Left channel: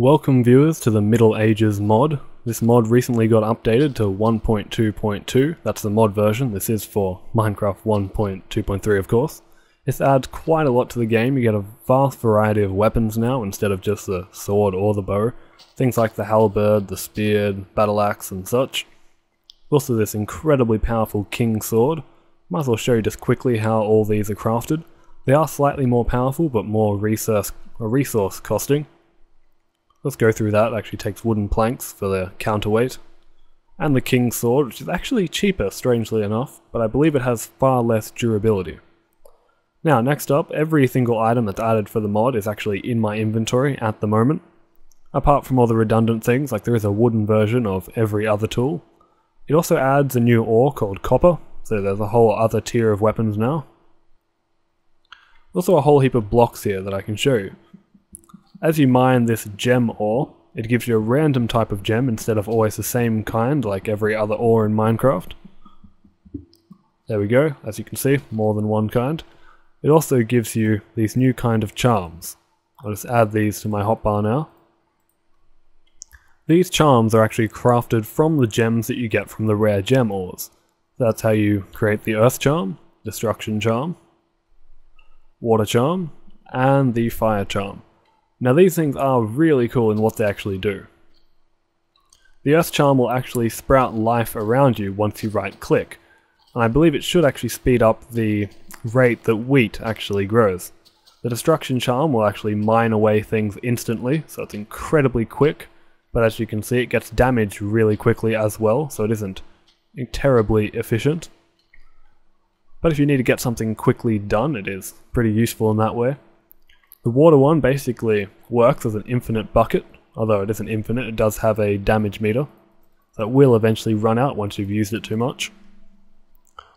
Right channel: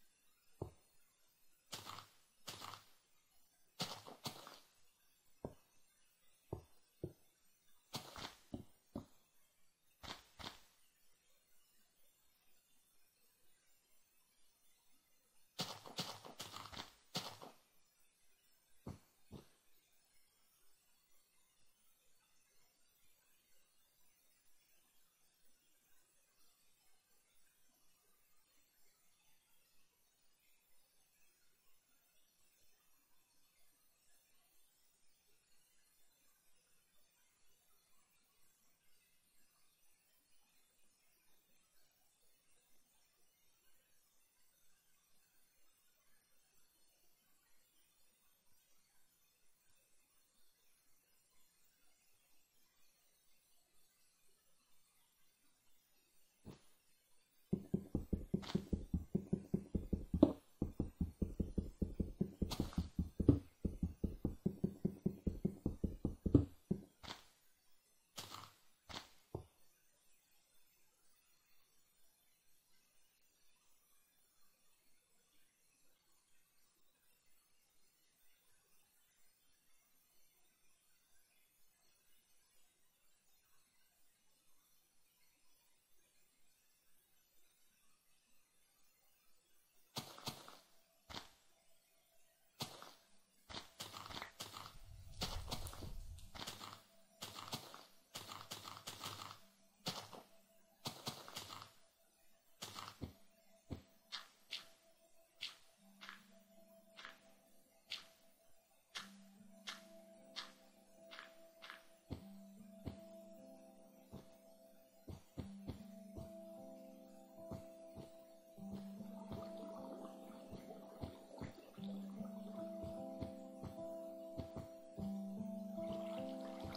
Welcome viewers to the MiddleAges Mod. This mod recently got updated to 1.2.2, that's the mod version. This is for Minecraft 1.2.3 of course. This adds quite a lot to the game. You get a vast variety of weapons now instead of just the sword or the bow. Things like the halberd, the spear, battle axe and such. Also this incredibly powerful king sword. Might as well show you just quickly how all these are crafted. They are slightly more powerful but more resource costing. Let's go through that. It actually takes wooden planks for their counterweight. And the King's Sword, which is actually cheaper, strangely enough, but I believe it has far less durability. Now, next up, every single item that's added for the mod is actually in my inventory at the moment. Apart from all the redundant things, like there is a wooden version of every other tool. It also adds a new ore called copper, so there's a whole other tier of weapons now. Also a whole heap of blocks here that I can show you. As you mine this gem ore, it gives you a random type of gem instead of always the same kind like every other ore in Minecraft. There we go, as you can see, more than one kind. It also gives you these new kind of charms. I'll just add these to my hotbar now. These charms are actually crafted from the gems that you get from the rare gem ores. That's how you create the earth charm, destruction charm, water charm, and the fire charm. Now these things are really cool in what they actually do. The earth charm will actually sprout life around you once you right click, and I believe it should actually speed up the rate that wheat actually grows. The destruction charm will actually mine away things instantly, so it's incredibly quick, but as you can see it gets damaged really quickly as well, so it isn't terribly efficient. But if you need to get something quickly done, it is pretty useful in that way. The water one basically works as an infinite bucket, although it isn't infinite, it does have a damage meter, so it will eventually run out once you've used it too much.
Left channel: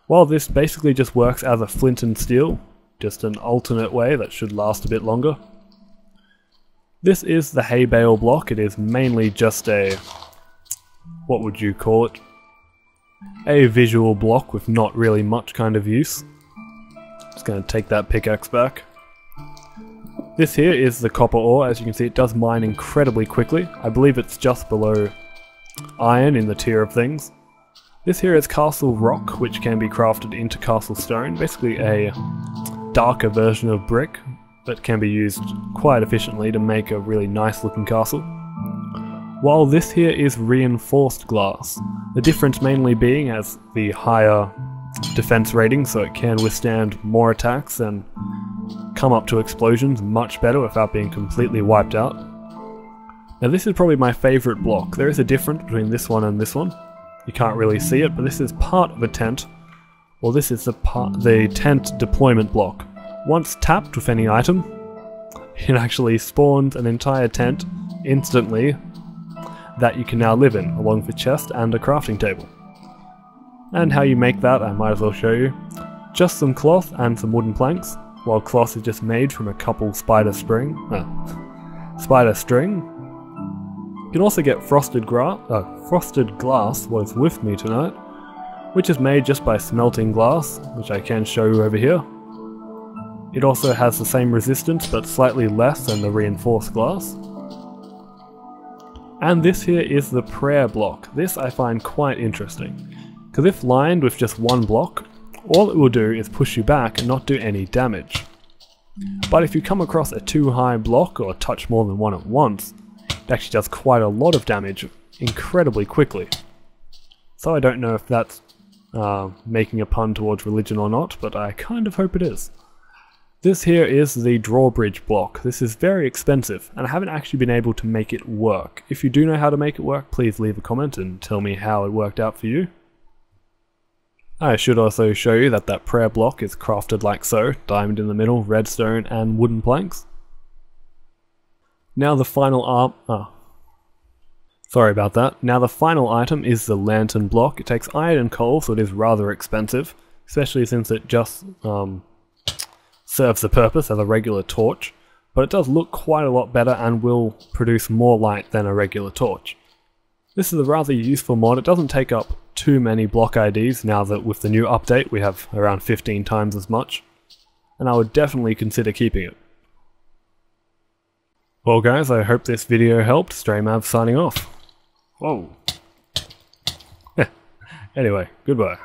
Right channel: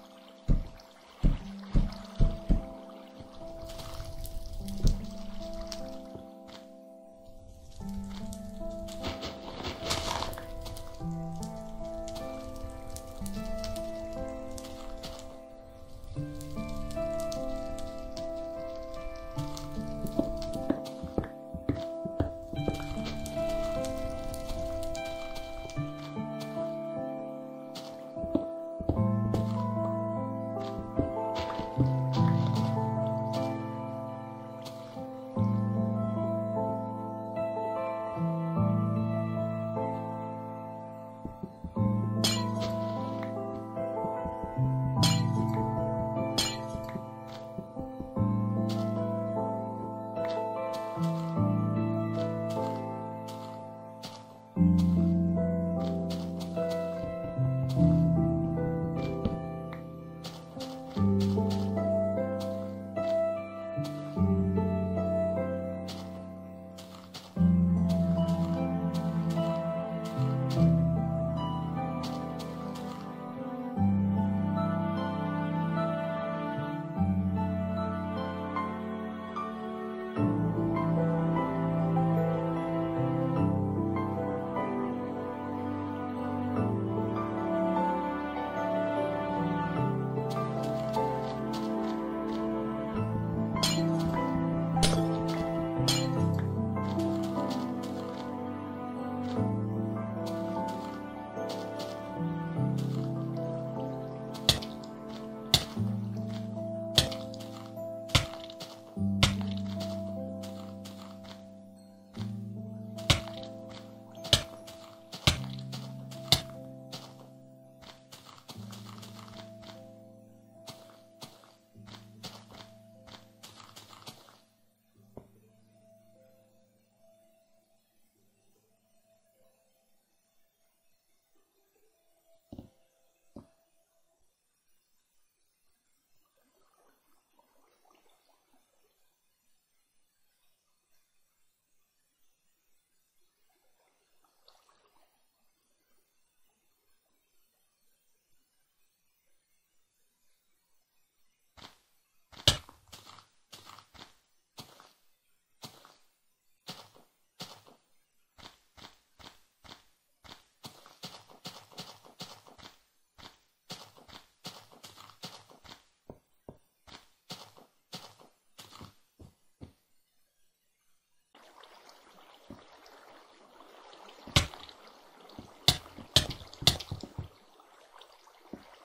While this basically just works as a flint and steel, just an alternate way that should last a bit longer. This is the hay bale block. It is mainly just a, what would you call it? A visual block with not really much kind of use. Just going to take that pickaxe back. This here is the copper ore. As you can see, it does mine incredibly quickly. I believe it's just below iron in the tier of things. This here is castle rock, which can be crafted into castle stone, basically a darker version of brick that can be used quite efficiently to make a really nice looking castle. While this here is reinforced glass, the difference mainly being as the higher defense rating, so it can withstand more attacks and come up to explosions much better without being completely wiped out. Now this is probably my favourite block. There is a difference between this one and this one. You can't really see it, but this is part of a tent. Well, this is the tent deployment block. Once tapped with any item, it actually spawns an entire tent instantly that you can now live in, along with a chest and a crafting table. And how you make that, I might as well show you. Just some cloth and some wooden planks. While cloth is just made from a couple spider string. You can also get frosted glass was with me tonight, which is made just by smelting glass, which I can show you over here. It also has the same resistance but slightly less than the reinforced glass. And this here is the prayer block. This I find quite interesting, because if lined with just one block, all it will do is push you back and not do any damage. But if you come across a too high block or touch more than one at once, it actually does quite a lot of damage incredibly quickly. So I don't know if that's making a pun towards religion or not, but I kind of hope it is. This here is the drawbridge block. This is very expensive, and I haven't actually been able to make it work. If you do know how to make it work, please leave a comment and tell me how it worked out for you. I should also show you that that prayer block is crafted like so, diamond in the middle, redstone and wooden planks. Now the final sorry about that. Now the final item is the lantern block. It takes iron and coal, so it is rather expensive, especially since it just serves the purpose as a regular torch, but it does look quite a lot better and will produce more light than a regular torch. This is a rather useful mod. It doesn't take up too many block IDs now that with the new update we have around 15 times as much, and I would definitely consider keeping it. Well guys, I hope this video helped. StrayMav signing off. Whoa. Anyway, goodbye.